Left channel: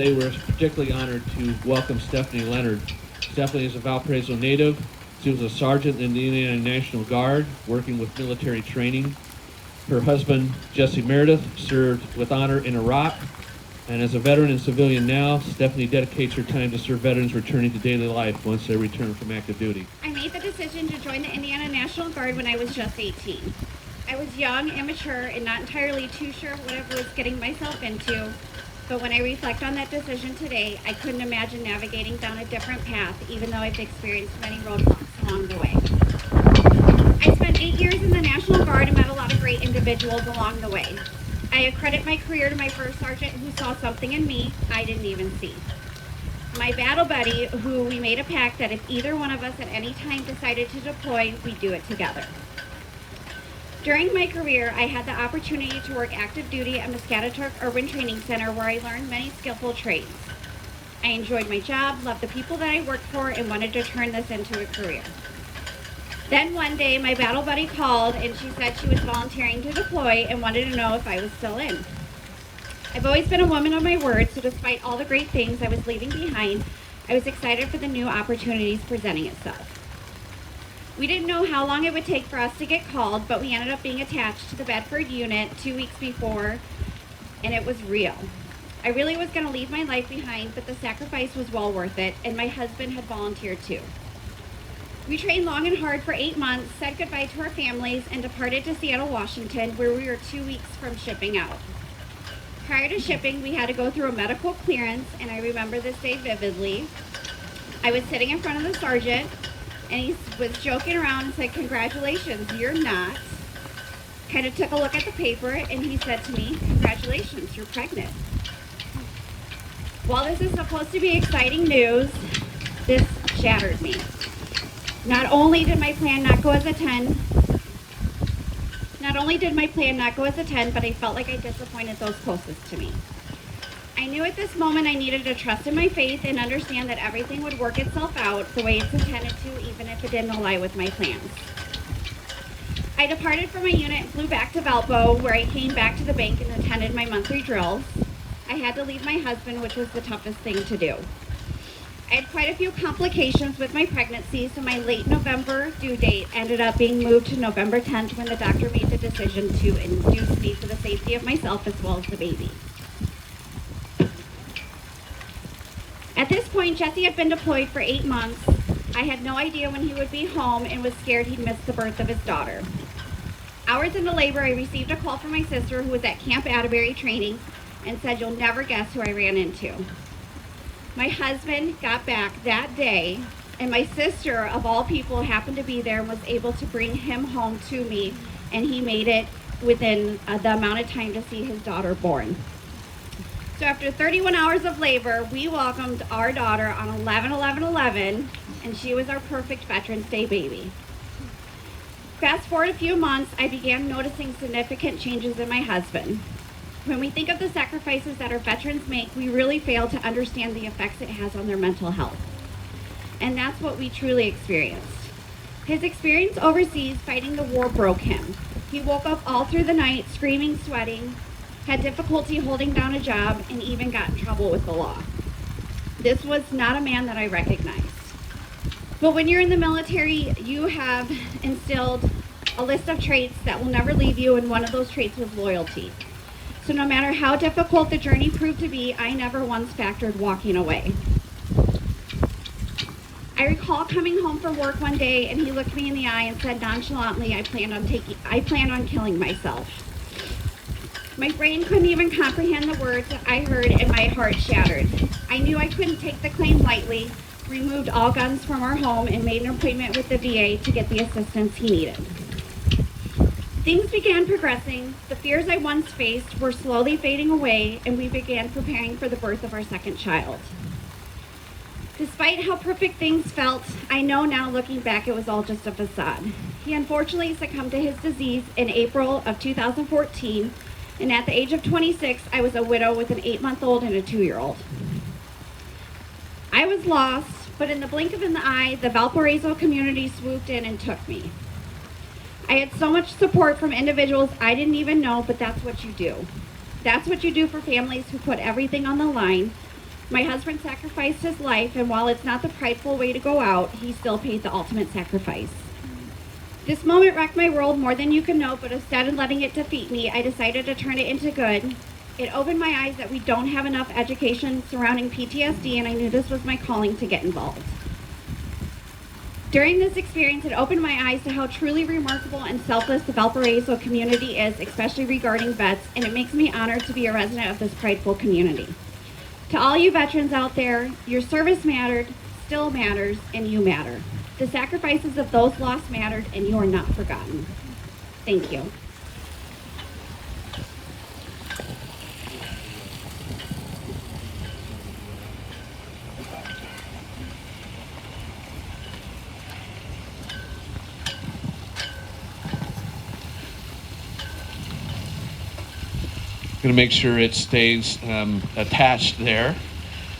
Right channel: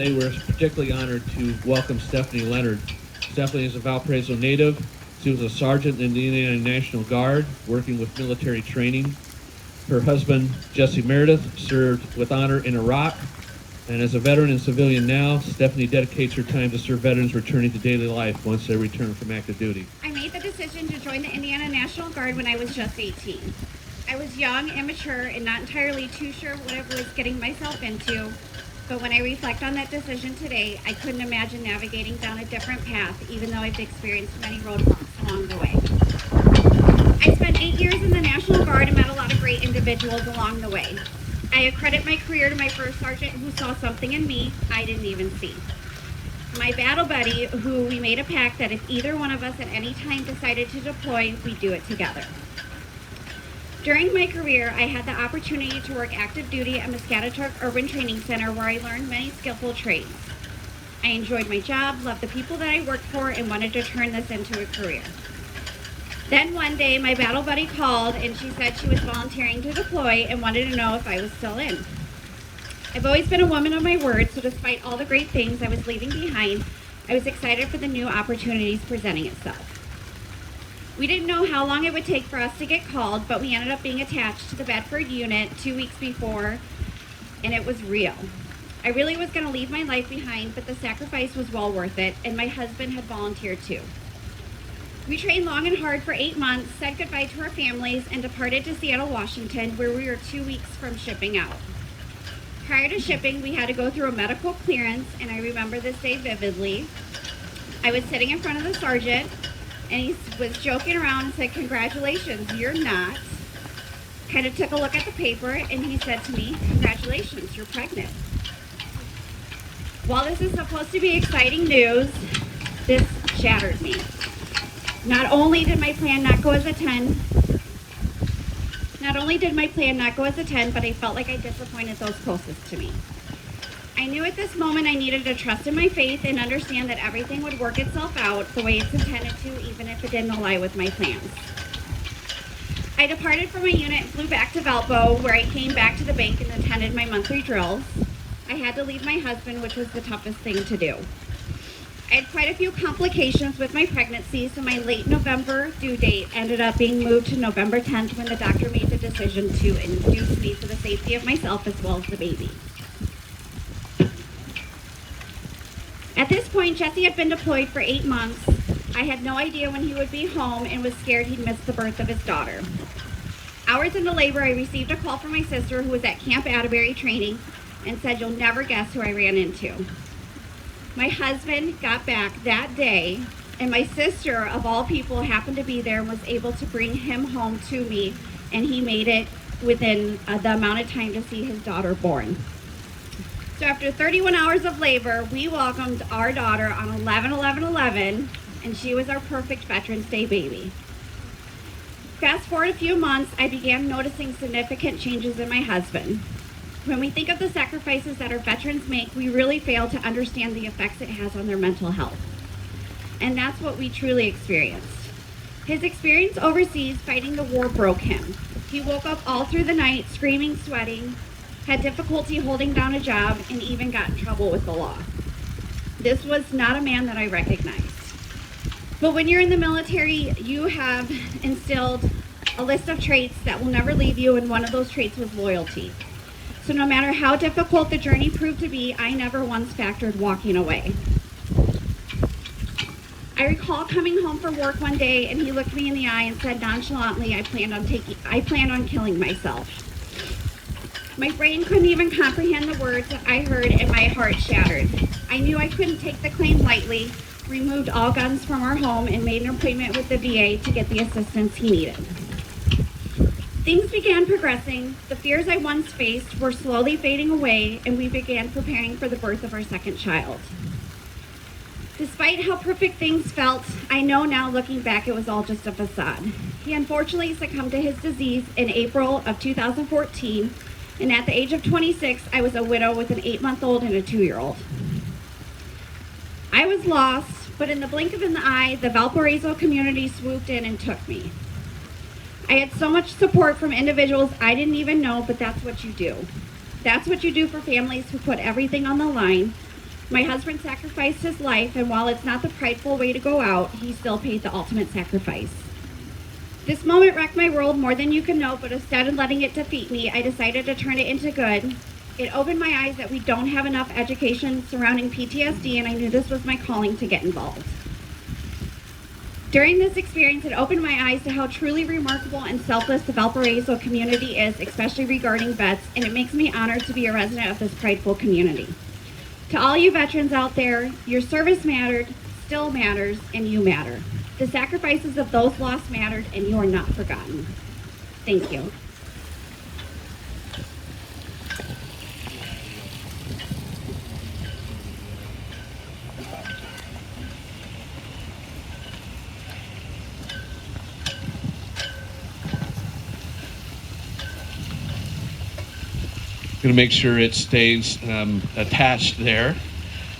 Today we're particularly honored to welcome Stephanie Leonard. Stephanie is a Valparaiso native. She was a sergeant in the Indiana National Guard, working with military training. Her husband, Jesse Meredith, served with honor in Iraq. And as a veteran and civilian now, Stephanie dedicates her time to serve veterans returning to daily life once they return from active duty. I made the decision to join the Indiana National Guard when I was just 18. I was young, immature, and not entirely too sure what I was getting myself into. But when I reflect on that decision today, I couldn't imagine navigating down a different path, even though I've experienced many roadblocks along the way. I spent 8 years in the National Guard and met a lot of great individuals along the way. I accredit my career to my first sergeant who saw something in me I didn't even see. My battle buddy, who we made a pact that if either one of us at any time decided to deploy, we'd do it together. During my career, I had the opportunity to work active duty at Muscataturk Urban Training Center, where I learned many skillful trades. I enjoyed my job, loved the people that I worked for, and wanted to turn this into a career. Then one day, my battle buddy called and she said she was volunteering to deploy and wanted to know if I was still in. I've always been a woman of my word, so despite all the great things I was leaving behind, I was excited for the new opportunities presenting itself. We didn't know how long it would take for us to get called, but we ended up being attached to the Bedford unit 2 weeks before, and it was real. I really was going to leave my life behind, but the sacrifice was well worth it, and my husband had volunteered too. We trained long and hard for 8 months, said goodbye to our families, and departed to Seattle, Washington, where we were 2 weeks from shipping out. Prior to shipping, we had to go through a medical clearance, and I remember this day vividly. I was sitting in front of the sergeant, and he was joking around and said, "Congratulations, you're not." Kind of took a look at the paper, and he said to me, "Congratulations, you're pregnant." While this is supposed to be exciting news, this shattered me. Not only did my plan not go as a 10, but I felt like I disappointed those closest to me. I knew at this moment I needed to trust in my faith and understand that everything would work itself out the way it's intended to, even if it didn't align with my plans. I departed from my unit and flew back to Valpo, where I came back to the bank and attended my monthly drills. I had to leave my husband, which was the toughest thing to do. I had quite a few complications with my pregnancy, so my late November due date ended up being moved to November 10th when the doctor made the decision to induce me for the safety of myself as well as the baby. At this point, Jesse had been deployed for 8 months. I had no idea when he would be home and was scared he'd miss the birth of his daughter. Hours into labor, I received a call from my sister, who was at Camp Atterbury training, and said, "You'll never guess who I ran into." My husband got back that day, and my sister, of all people, happened to be there and was able to bring him home to me, and he made it within the amount of time to see his daughter born. So after 31 hours of labor, we welcomed our daughter on 11/11/11, and she was our perfect Veterans Day baby. Fast forward a few months, I began noticing significant changes in my husband. When we think of the sacrifices that our veterans make, we really fail to understand the effects it has on their mental health. And that's what we truly experienced. His experience overseas fighting the war broke him. He woke up all through the night, screaming, sweating, had difficulty holding down a job, and even got in trouble with the law. This was not a man that I recognized. But when you're in the military, you have instilled a list of traits that will never leave you, and one of those traits was loyalty. So no matter how difficult the journey proved to be, I never once factored walking away. I recall coming home from work one day, and he looked me in the eye and said nonchalantly, I plan on killing myself. My brain couldn't even comprehend the words that I heard, and my heart shattered. I knew I couldn't take the claim lightly, removed all guns from our home, and made an appointment with the VA to get the assistance he needed. Things began progressing. The fears I once faced were slowly fading away, and we began preparing for the birth of our second child. Despite how perfect things felt, I know now looking back it was all just a facade. He unfortunately succumbed to his disease in April of 2014, and at the age of 26, I was a widow with an 8-month-old and a 2-year-old. I was lost, but in the blink of an eye, the Valparaiso community swooped in and took me. I had so much support from individuals I didn't even know, but that's what you do. That's what you do for families who put everything on the line. My husband sacrificed his life, and while it's not the prideful way to go out, he still paid the ultimate sacrifice. This moment wrecked my world more than you can know, but instead of letting it defeat me, I decided to turn it into good. It opened my eyes that we don't have enough education surrounding PTSD, and I knew this was my calling to get involved. During this experience, it opened my eyes to how truly remarkable and selfless the Valparaiso community is, especially regarding vets, and it makes me honored to be a resident of this prideful community. To all you veterans out there, your service mattered, still matters, and you matter. The sacrifices of those lost mattered, and you are not forgotten. Thank you. Going to make sure it stays attached there.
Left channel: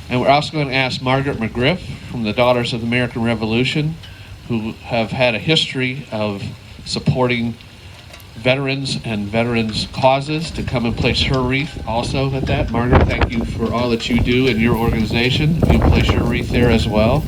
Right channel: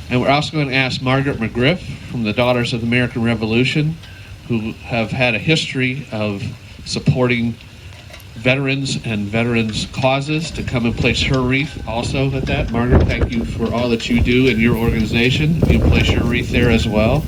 And we're also going to ask Margaret McGriff from the Daughters of the American Revolution, who have had a history of supporting veterans and veterans' causes, to come and place her wreath also at that. Margaret, thank you for all that you do in your organization. You place your wreath there as well.